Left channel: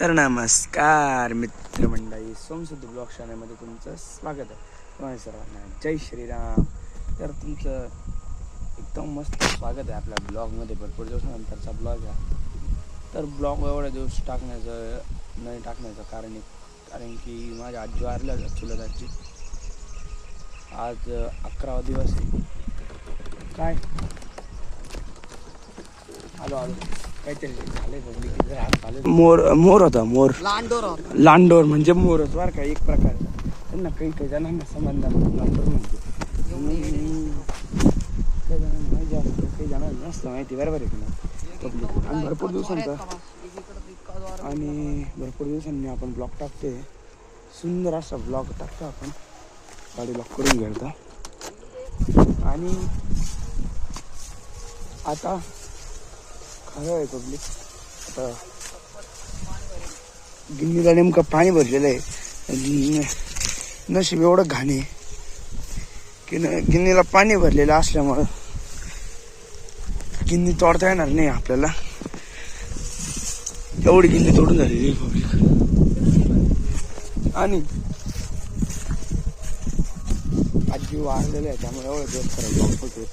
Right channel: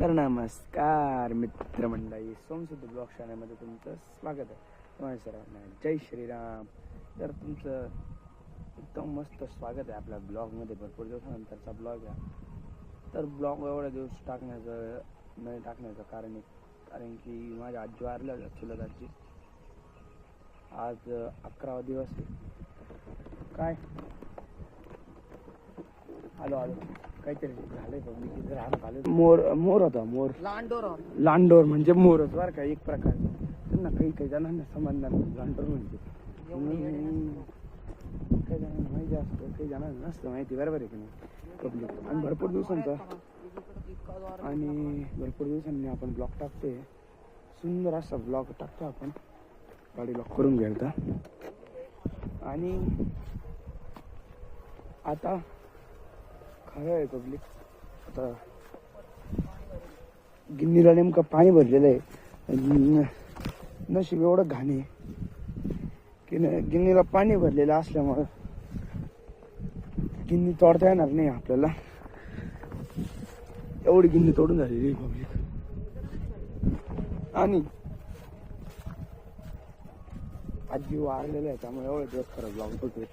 तर नमस्कार मित्रमंडळी, सोमसिद्ध ब्लॉग चॅनलमध्ये तुमचं स्वागत आहे. तुम्हाला सर्वांना जय श्रीराम. तर तुमचं एकदम मस्त स्वागत आहे आपल्या ब्लॉगमध्ये. भरपूर दिवसानंतरचा ब्लॉग आहे. तर ब्लॉग एवढ्या दिवस नाही टाकण्याचं कारण की माझ्या आजी वारल्या चुलत आजी. आज 11वा दिवस आहे. काय आलो काहीतरी झालंय पब्लिक. मोर होता. लांडोर म्हणजे मोरच बरं का, एक प्रकारचा. त्यांना काही जणांना संबंध लांडोर म्हणते. काही जणांना माहिती असतं, काही जणांना नसतं माहिती. बरोबर आहे की नाही पब्लिक. आणि भरपूर दिवसांनी आपण ब्लॉग टाकते. सुंदर असा ब्लॉग टाकतो आपण. गाडी लॉक करून घ्यायचा. आणि आता खरं आहे पब्लिक, आता गिन्नीला नेमकं पाणी भरलेलं आहे. नशीब एवढं घाण आहे की गिन्नीला पाणी भरलेलं असल्यामुळं गिन्नी तोडता येणार नाही आपल्याला. एवढी गिन्नी तोडून झालेली पब्लिक. आणि आजी वारलेलं आहे त्यामुळे एवढं दिवस खरं ब्लॉग होते.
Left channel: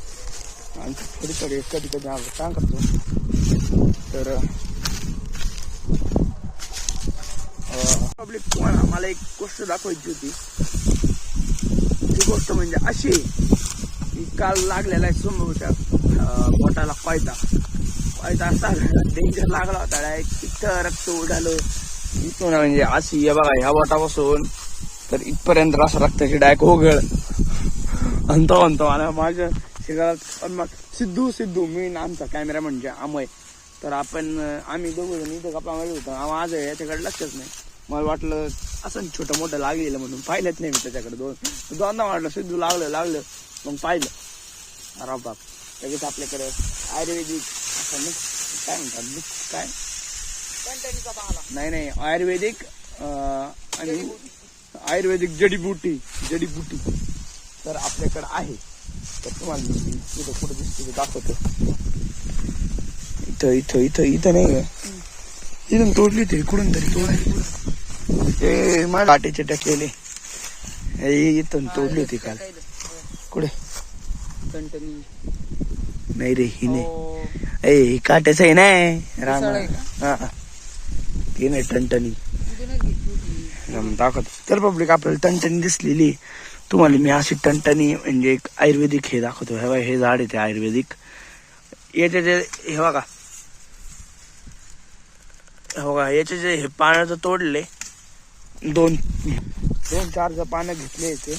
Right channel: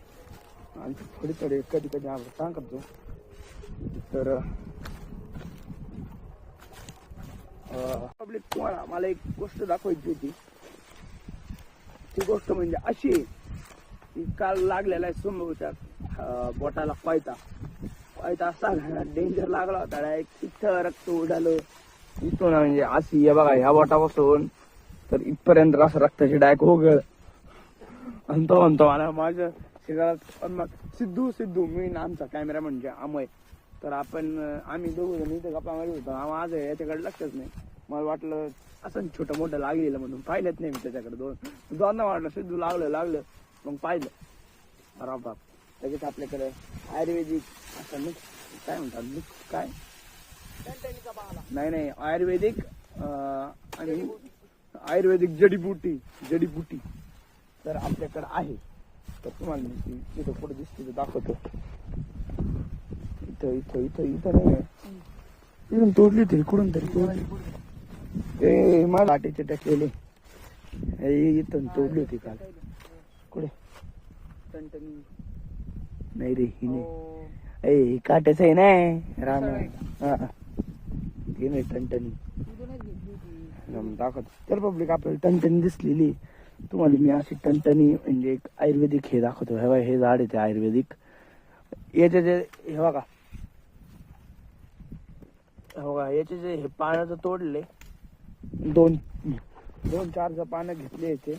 आणि थोडी कधी काय करतो तर पब्लिक, तुम्हाला मला एक गोष्ट दाखवायची होती. ती गोष्ट म्हणजे अशी की काल लागलेला आहे समोरच्या बोटाला कोयता असा डेंजर लागला होता. इथं रक्त उडालं इथं ना, म्हणजे अशी आहे बघा, ह्या बोटापासून तर इथपर्यंत असं रक्ताची डायक ओघळ. म्हणतो मला माझ्या शेजारात मग सिद्धू मी आमचा कॅमेरा म्हणजे अमय. तर आम्ही दोघं जण इथं गप्पा मारत होतो. आज याच्याकडे लक्षच नाही. मला वाटलं असं छोटं मोठं लागलेलं म्हणून पाहिलंच नाही मी त्याच्याकडे. दोनदा वाटलं सिद्धू लागलं मग पाहिलं. अरे बाप. लगेच आपल्याकडे आयुर्वेदिक असं मिक्स काय म्हणतात, मिक्स काय नाही आयुर्वेदिक आणि आयुर्वेदिक जडीबुटी तर आपल्याकडे आहे. तर तुम्हाला इथं कुठं दिसते दाखवतो. इथं नाही आहे. इथून तोडली होती कुठून तरी ते माझ्या काटेचे टाकलेले. इथून तोडली होती काल. कुठे नाही रे, ही नाही. काट्याच आहे ना राम. हा ती नाही टणटणी दाखवत. तर पब्लिक आपल्याला टणटणी दिसलेली. तुम्हाला मी अशी टणटणी म्हणजे एक आयुर्वेदिक हे दाखवतो. हे झाड आहे ते आयुर्वेदिक. याचे जे हे बघा याचे जे हे पाण्याचं तोडले, दोन चार पानं घेतले याचे.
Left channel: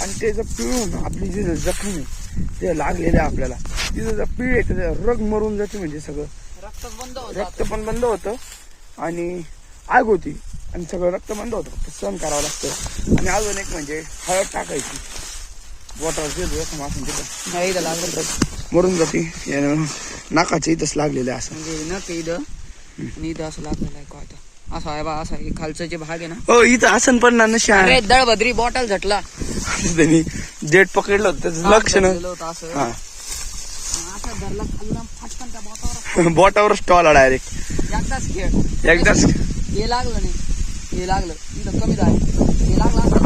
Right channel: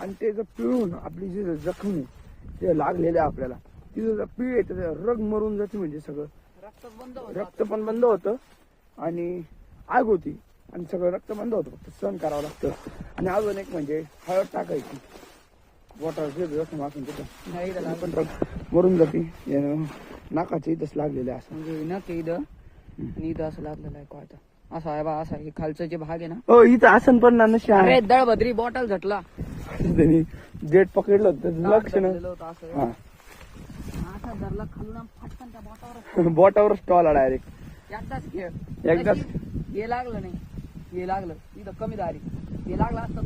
आणि ते जर पिळून आपली जी जखम आहे ते लागलेले आपल्याला, तिथं जर पिळे तर रग मरून जाते. म्हणजे सगळं रक्त पण बंद होतं आणि आग होती आणि सगळं रक्त बंद होतं. फक्त सहन करावं लागतं. आणि अजून एक म्हणजे हळद टाकायची बोटावर जखम असून तिथं मरून जाते. नाकाच्या इथंच लागलेलं असं इथं असं लागलेलं आहे काय असं आहे बा. असं हे खालचं जे भाग आहे ना, हो इथं आसन पण ना नशा दळभद्री बॉटल झटला. त्यांनी जेट पकडलं होतं त्याचं लक्षण. हा धरला खाल्ला फटकन त्या बोटावर बोटावर स्टॉल डायरेक्ट एकदाच. हे लागलं नाही, हे लागलं इथं कमी झालं. हे लागलं असं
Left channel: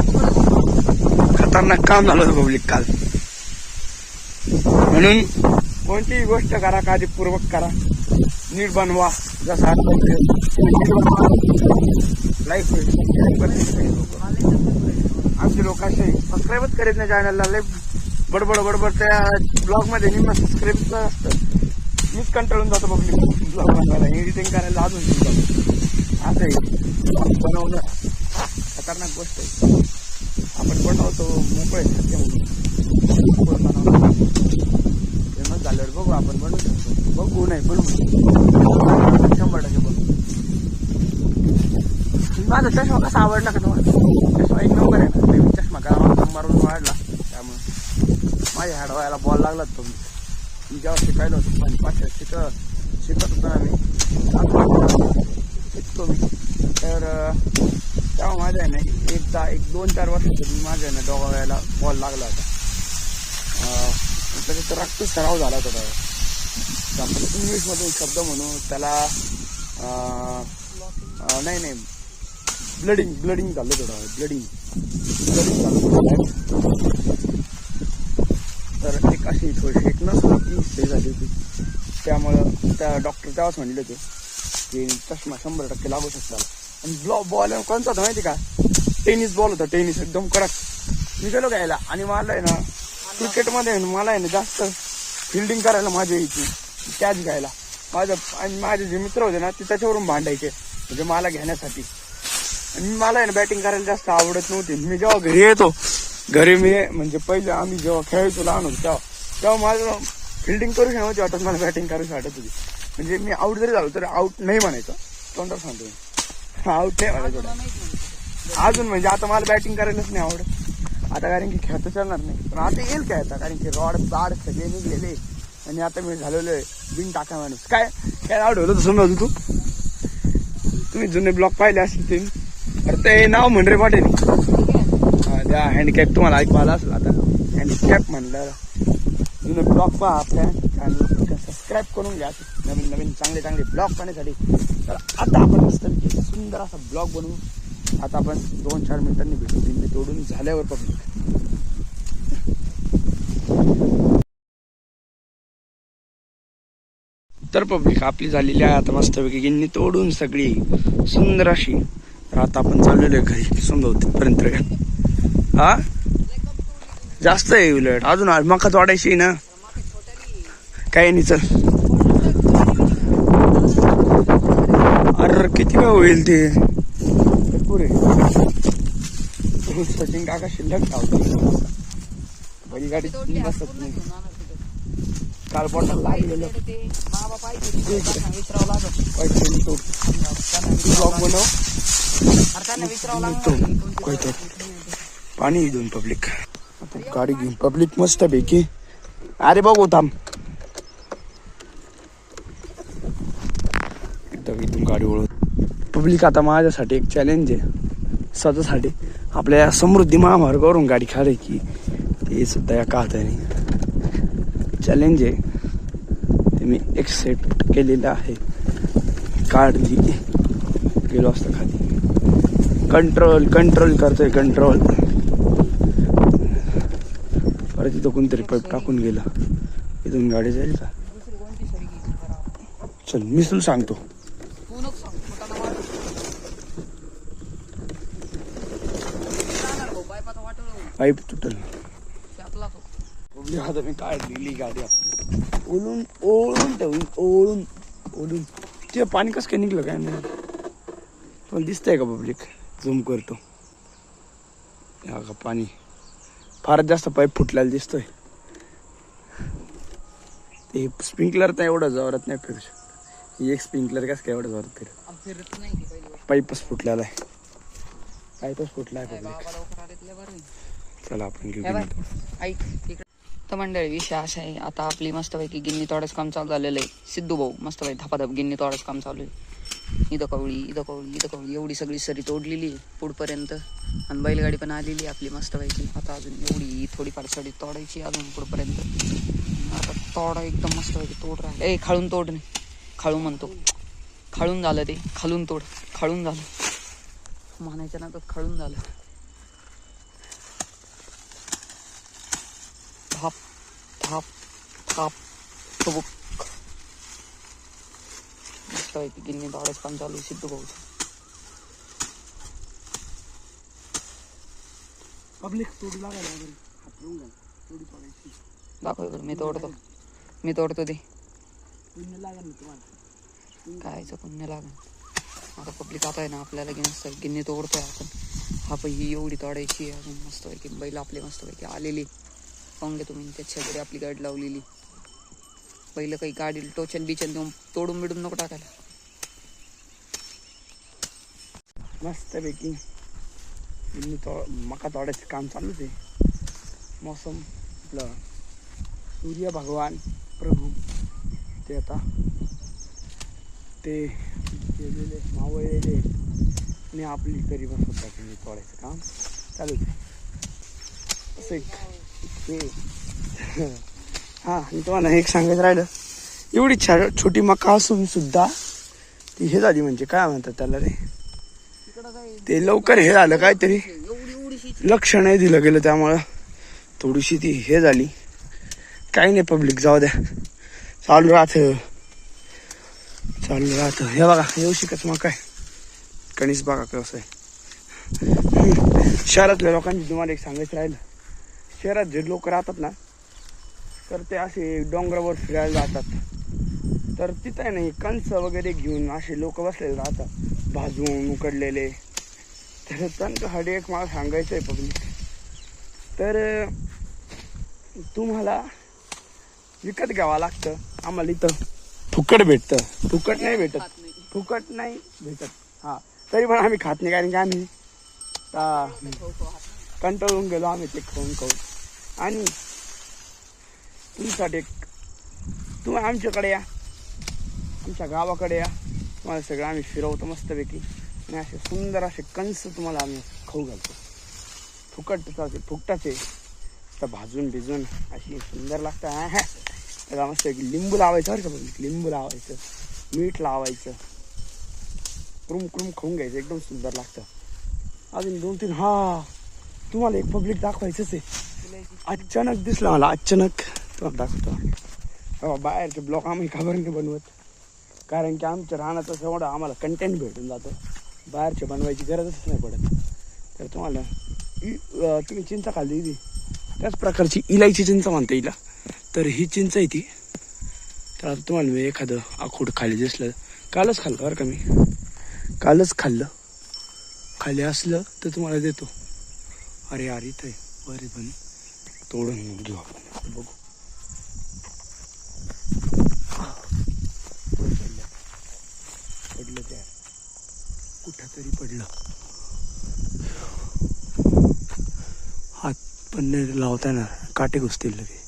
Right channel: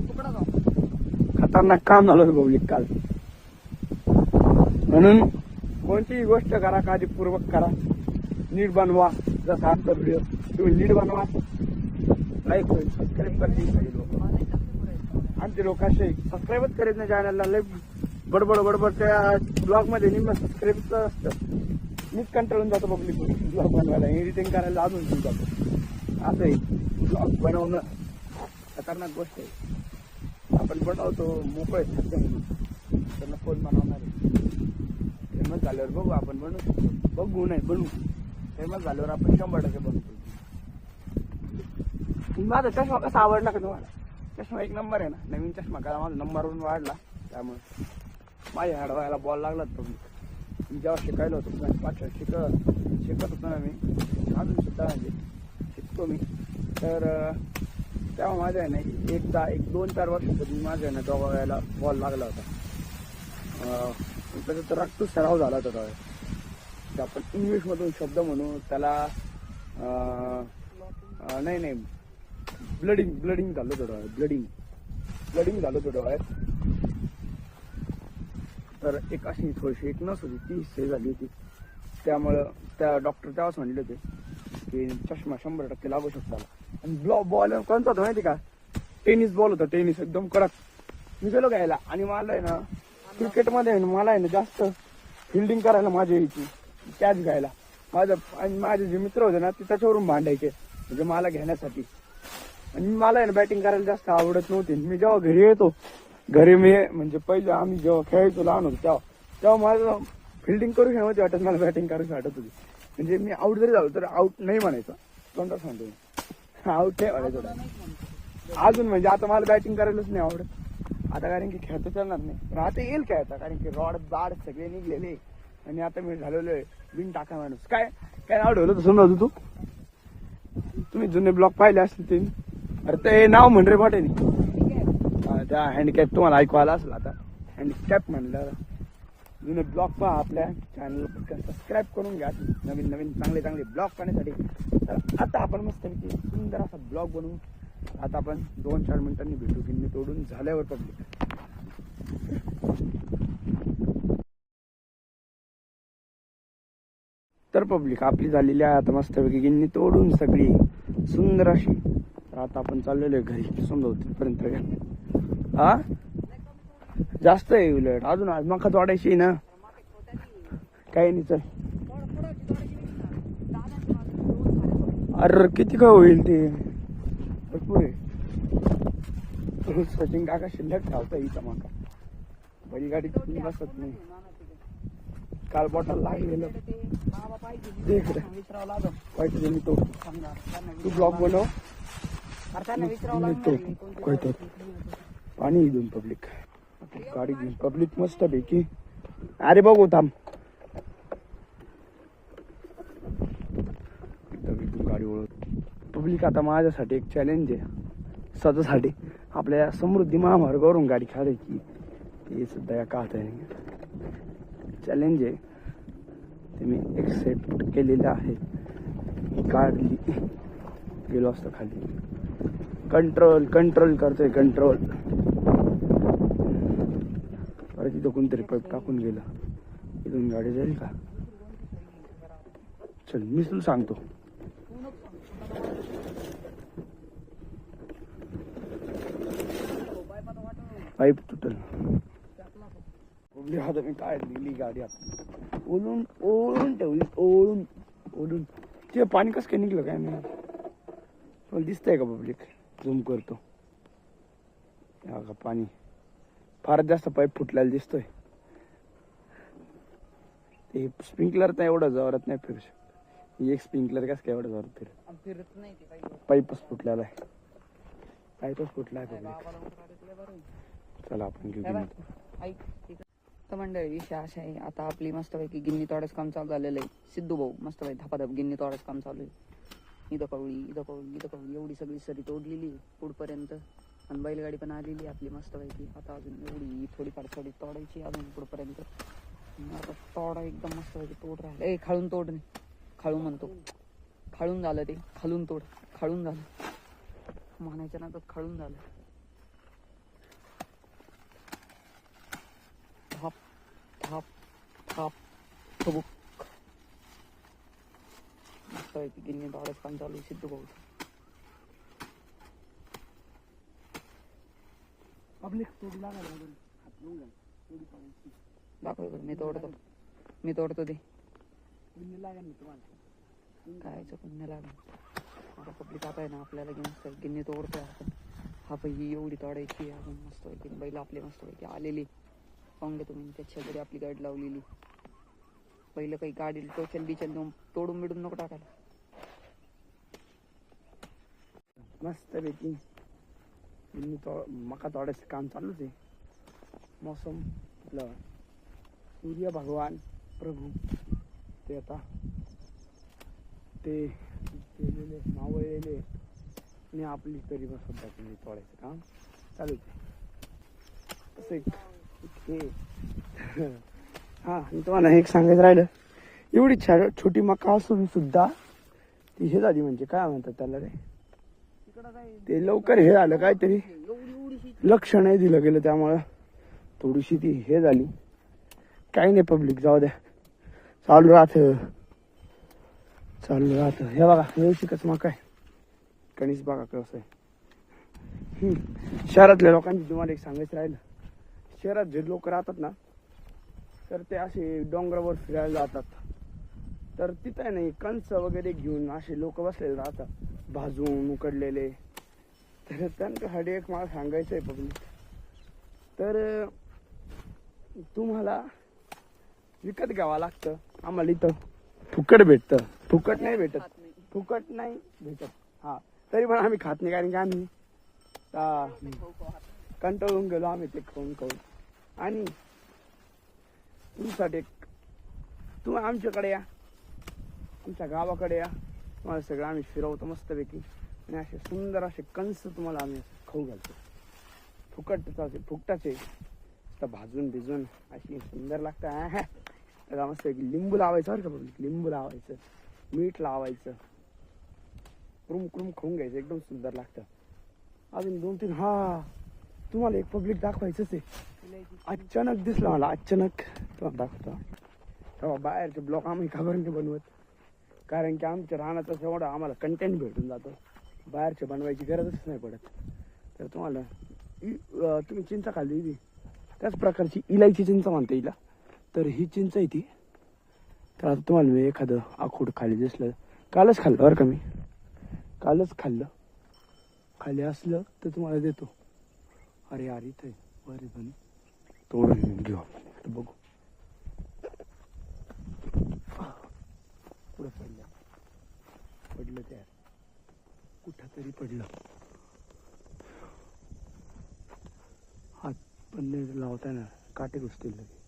खतरनाक काम झालं पब्लिक काल. म्हणून कोणतीही गोष्ट करा काळजीपूर्वक करा, नीट बनवा. जसं नीट बनवा लाईक होईल. आमचे लोक असे सबस्क्राईबच करीत नाही चॅनलला. लय बडबड त्या ब्लॉग मध्ये निम्म सबस्क्राईबच असतं. मीच कंटाळून जातो पब्लिक ब्लॉग बनवायला. एडिटिंग करायला अजून जातो. असं आहे ब्लॉग बनवणं खतरनाक गोष्ट आहे. आपण बनवतो मोकळे सध्या म्हणून बनवणार फेमस झाल्यावर बघू आपण बनवू शकतो. बघू नाही बनवू 100% बनवू. माझा चष्मा कसा आवडला का तुम्हाला? चष्मा एक नंबर आहे ना. नवीन चष्मा करा नंबरवरून वाढला त्यामुळे माझ्या हाडवायला बॉल लागला. तुम्ही जेव्हा शिकायला होतो पण पाचशे शिकत होतो ना मी, शिकतो मी. तर तेव्हा माझ्या आहे ना एकदा 2-4 वर्षापूर्वी माझ्या आहे ना दोघायला बॉल लागला होता. त्याच्यात रक्त सराव झाला होता. आपण इंग्लिशमधून शब्द म्हणू त्याला नाही ब्लडिंग झालं थोडं ब्लडिंग झालं थोडं बाहेर. तर एक अशी थोडीशी एक नस होती हे झाली होती. त्यामुळं त्या डॉक्टर तेव्हाच म्हणले होते की चष्मा 100% लागू शकतो. आणि बॉल कोणता होता माहिती का? टेनिस बॉल होता, टेनिस एकदम कडक. मी गेलो घ्यायला आणि मला आहे ना क्रिकेटमध्ये मला आहे ना जास्त फिल्डिंग करायला माझी यायची, कॅच घ्यायला. माझे जे मित्र होते ना ते त्याच्यावरून भांडायचे म्हणजे मला घेण्यासाठी. आणि मला आहे ना बॅटिंग करायला जास्त आवडत नव्हती. मी जेव्हा घरी येतो, घरी मी म्हणजे पहिले आम्ही जेव्हा खेळायचो लहान होतो तेव्हा मला फिल्डिंग करू नव्हती वाटत, मला बॅटिंग करायची वाटत होती. म्हणजे मी आउट जरी झालो तरी आउट नाही म्हणायचं, तोंडात सांगतो मी आउट नाही म्हणायचं. अजून म्हणजे आता मला बॅटिंग करायलाच नाही आवडत आता, कारण की खेळता चालणार नाही. पण आता येईल काय आता, कारण की रॉड बाड सगळे निघलेले आणि आता मी झालेलो आहे बिन टाका माणूस. काय नाव ठेवलं होतं समजा तू? तुम्ही जुने ब्लॉग पाहिले असतील ते. अरे ते नाव म्हण रे पाटील. त्या हँडकॅप तुम्हाला ऐकवायला असेल आता, हँडकॅप म्हणलं. जुने ब्लॉग पहा आपल्या चॅनल, सबस्क्राईब करून घ्या नवीन चांगले ब्लॉग पाहण्यासाठी. तर आता आपण मस्त सुंदर असा ब्लॉग बनवू. आता आपण 2-4 मिनिटांनी भेटू गिन्नी तोडून झाल्यावर पब्लिक. तर पब्लिक आपली झालेली आहे आता मस्तपैकी गिन्नी तोडून सगळी सुंदर अशी. तर आता आपण चाललेलो आहे घरी समजा हा जास्त आहे उलट अजून मका तोडायची ना. काही नाही चल. अरे किती काय होईल ते भरपूर आहे. सचिन काका शिल्लक धावतो, बैलगाडी बसत नाही. काल बोटाला लागलेलं ब्लॉग बनव पाणी घेऊन पब्लिक. गाडी घेऊन पब्लिक मस्त पैकी. अरे बघू थांब एकदम इथून गाडी ओळख पब्लिक. आता माझ्यासाठी एक चॅलेंज आहे स्वतःसाठी. आपल्या समृद्धी महामार्गावरून गाडी काढायची, ते सुद्धा एका हाताने चॅलेंज आहे. ते मी एक्सेप्ट केलेलं आहे. काढली गेलो असतं खाली. कंट्रोल करतोय कंट्रोल. परत इथं कोणतरी पाईप टाकून गेला. इथून गाडी जाईल का? चल मी तुला सांगतो. पाईप तुटल. आता मी काढलेली गाडी आपली ओळून ठेवली. ओळून ते पाणी कसं काय निघलं काय नाही. पण दिसतंय का पब्लिक? झूम करतो. हा का पाणी फारच जास्त पाईप फुटलेला दिसतोय. ते स्प्रिंकलर तर एवढं जोरात नाही फिरू शकत. एक स्प्रिंकलर कसं काय एवढं जोरात फिरत नाही. पाईपच फुटलेला आहे. पाईपच फुटला आहे पब्लिक. चला आपण घेऊ. तर मंडळी विषय असा आहे, आता आपली मस्तपैकी गिन्नी तोडायचं काम चालू झालेलं आहे. सिद्धू भाऊ मस्तपैकी धपाधप गिन्नी तोडायचं काम चालू आहे. इथं कवळी एवढी सगळी सरी तोडलेली आहे पुढपर्यंत. आणि बैलगाडी पण आलेली आहे आपली मस्तपैकी. आता अजून एवढी थोडीफार सरी तोडायची अजून पुढपर्यंत. आता तोडा एकदम मस्तपैकी तोड राहिला. खाळून तोड नाही, खाळू म्हणतो. खाळून झालं ते, खालून तोड. खाळून झालं म्हणायचं ना, तर खाळून झालं. थाप थाप थाप ठुबुक. मस्त आहे. गिन्नी तोडायचं काम चालू आहे सिद्धू भाऊचं. पब्लिक तोडू लागायला दाखव बरं. मी तोडतो ते. पुण्य लागेल ना तुम्हाला. कायचं पुण्य लागेल. आता पब्लिक आता आहे ना आपल्याला गिन्नी तोडतोय आपण. हा पण ही एवढी तोडायची आहे अजून मस्तपैकी. बैल आपले मस्तपैकी आलेली पाहून घ्या तुम्ही. त्याच्या घरी आपली गाडी लावलेली. पहिलं काही गाडी टोचन बिचन देऊन तोडून बिडून नको टाकायला. मस्तपैकी मका तोडायचं काम चालूच आहे. मौसम आपलं सूर्य भगवान प्रभू ते आता ते गेलेले मावळलेले आणि आपली तरी बस होता की तोडायचं काम चालूच आहे. असं एक हा. आणि तुम्हाला एक सांगायचं राहिलं, एवढी छोटी मका असून सुद्धा ती हे झाली म्हणजे काय म्हणतात त्याला रे, ते लवकर हे झालं काहीतरी लक्ष नाही दिलं गेलं त्यामुळं थोडीशी ती हे झाली. काही नाही पब्लिक, जाऊ द्या, चालू राहत. हे बघा येऊ शिकत मग काय कणीस बघा कसं आहे. शहरातल्या लोकांची तुम्हाला एक सांगायचं राहिलं, शहरात जे लोक राहतात ना तर ते असे डोंगरावर फिरायला जातात, तर तिथं आहे नाही कणस वगैरे घेऊन असे लोक बसलेले राहतात भाजून उकडलेले. तर त्यांच्यासाठी एक मला सांगायचं आहे पब्लिक, तर तुम्हाला विकत घ्यावं लागतं. आम्हाला इथं फुकट भेटतं, फुकट नाही भेटत. हां तरी पण आम्ही खात नाही, कारण की आम्ही कंटाळून गेलो आम्ही ते खाऊन. आणि तुमच्यासाठी तुम्ही आमच्याकडे या, आमच्या गावाकडे या, तुम्हाला सगळं आम्ही फिरवतो मस्तपैकी. आणि असे सुंदर असे कंस तुम्हाला आम्ही खाऊ घालतो, फुकटाचे तर भाजून भिजून अशी सुंदर लागतं. त्याला मस्त लिंबू लावायचं बरं का पब्लिक, लिंबू लावायचं, मीठ लावायचं, क्रुम खाऊन घ्यायचं, एकदम सुंदर लागतं. अजून 2-3 तुम्हाला एक पब्लिक दाखवायचंच आहे. अचानक दिसलं मला, अचानक तुम्हाला दाखवतो. बाहेरचे ब्लॉग आम्ही खबर नाही बनवत, कारण की आमच्या रानाचं एवढं आम्हाला कंटेंट भेटून जातं, बाहेरचे बनवायची गरजच नाही पडत. तर तुम्हाला तुम्ही चिंच खाल्ली ती त्याच प्रकारची इलायची चिंच म्हणता येईल. तर ही चिंच आहे ती. तर आता तुम्हाला मी एखादं आखूड खाली दिसलं, कालच खाल्लं बरं का मी, कालच खाल्लं, खाली असलं तर तुम्हाला देतो. अरे यार इथं बरे पण तोडून घेऊ आपण, बघू. पडलं त्या कुठं तरी पडलं, हात पण नाही लावता येणार, काटे घुसतील लगे.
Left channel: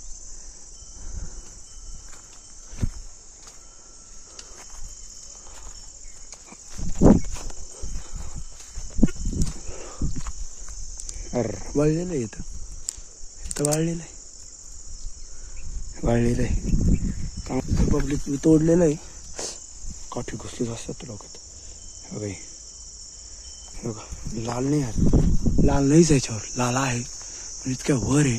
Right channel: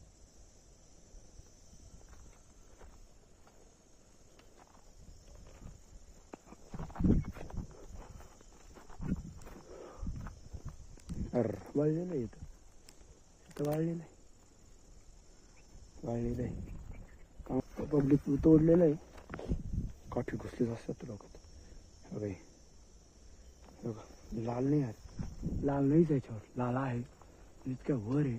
वाळलेलं आहे इथं वाळलेलं आहे पब्लिक तोडलेलं आहे. काठी घुसलीच असतात डोक्यात. बघा लाल नाही आहे, लाल नाहीच याच्यावर, लाल आहे पण इतक्या वर आहे,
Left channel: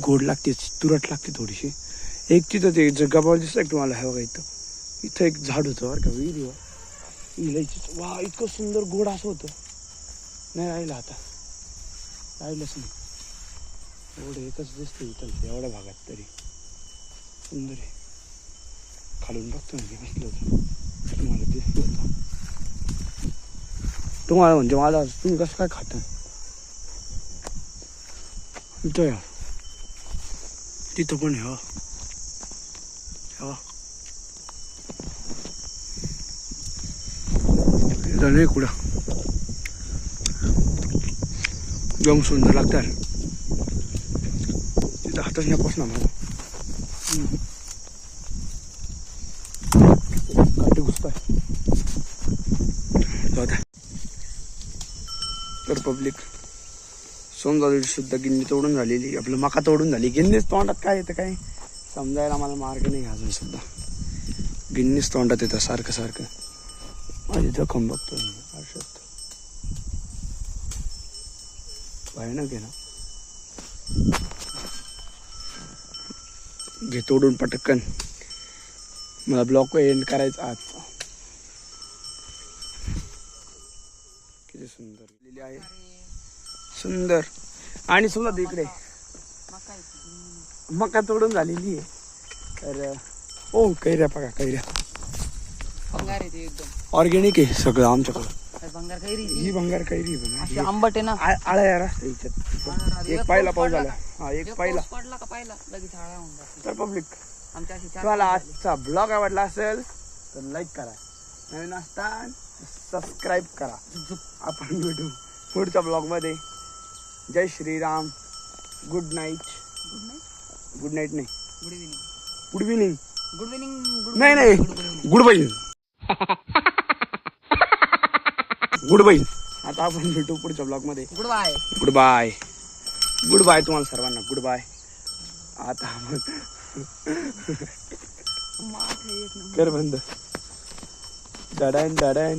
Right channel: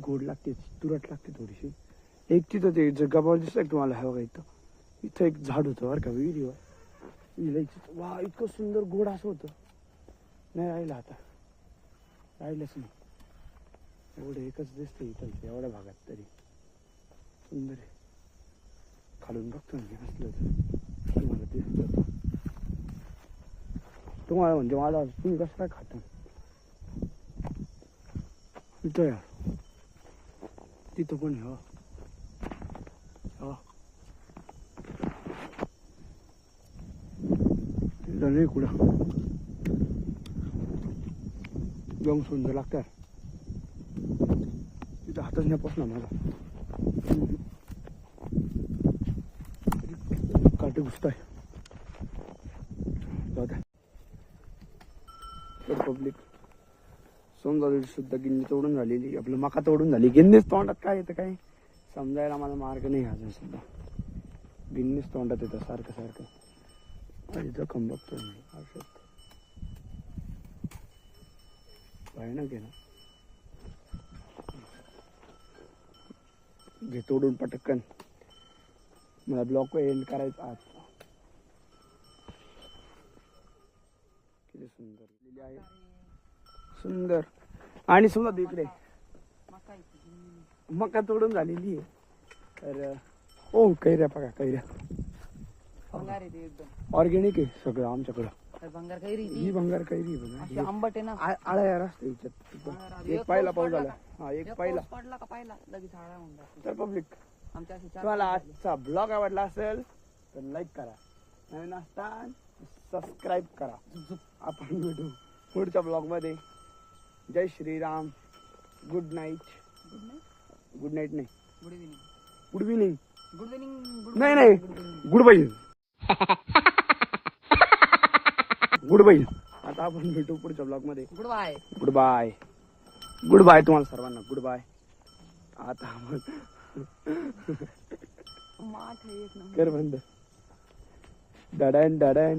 गोड लागते, तुरट लागते थोडीशी. एक तिथं ते जगाबावर दिसतं का तुम्हाला, हे बघा इथं एक झाड होतं बरं का विहिरीवर, इलायचीचं. वा इतकं सुंदर गोड असं होतं, नाही राहिलं आता, राहिलंच नाही. एवढं एकच दिसतं इथं एवढ्या भागात, तरी सुंदर आहे. खालून बघतो ना बसलं होतं, तुम्हाला दिसलं होतं तुम्हाला, म्हणजे मला तुम्ही कसं काय खाता इथं यार, तिथं पण हे इथं नाही कुठं, एकदम सुंदर लागतात. तिथं हातच नाही पोचणार मला, काटे घुसताय. तर पब्लिक सोमवारी सुद्धा गिन्नी तोडून झालेली, आपलं मका तोडून झाली. गिन्नीच तोंडात काय येतं काय समजायला मला मार्ग नाही अजून सुद्धा. गिन्नीच तोंडात येतं सारखं. माझी जखम बघतो मी आरशात, भयानक आहे ना. घे तोडून पटकन, मला ब्लॉग एंड करायचा आजचा. किती सुंदर लिहिली आहे, सुंदर. आणि सुद्धा इकडे मका तोडून झालेली आहे. तर ओ कैऱ्या बघा, कैऱ्या ऑर्गॅनिक आहे सगळं आमच्याकडं. ही भंगार कैरी पण आंबट आहे ना, आळ्या असते हिच्यात. एक पाहिला पाऊस झाला, एक पाहिला. तर पब्लिक तुम्हाला आजचा ब्लॉग आवडला असेल तर लाईक करा, नवीन असताना सबस्क्राईब करा. आपण भेटू पुढच्या ब्लॉग मध्ये. जय श्रीराम. गुड नाईट नाही, गुड इव्हिनिंग नाही, गुड बाई. गुड बाई. आता आपण भेटू पुढच्या ब्लॉग मध्ये. गुड बाय तुम्हाला सर्वांना, गुड बाय. आता आपण कर बंद. Duddon Duddon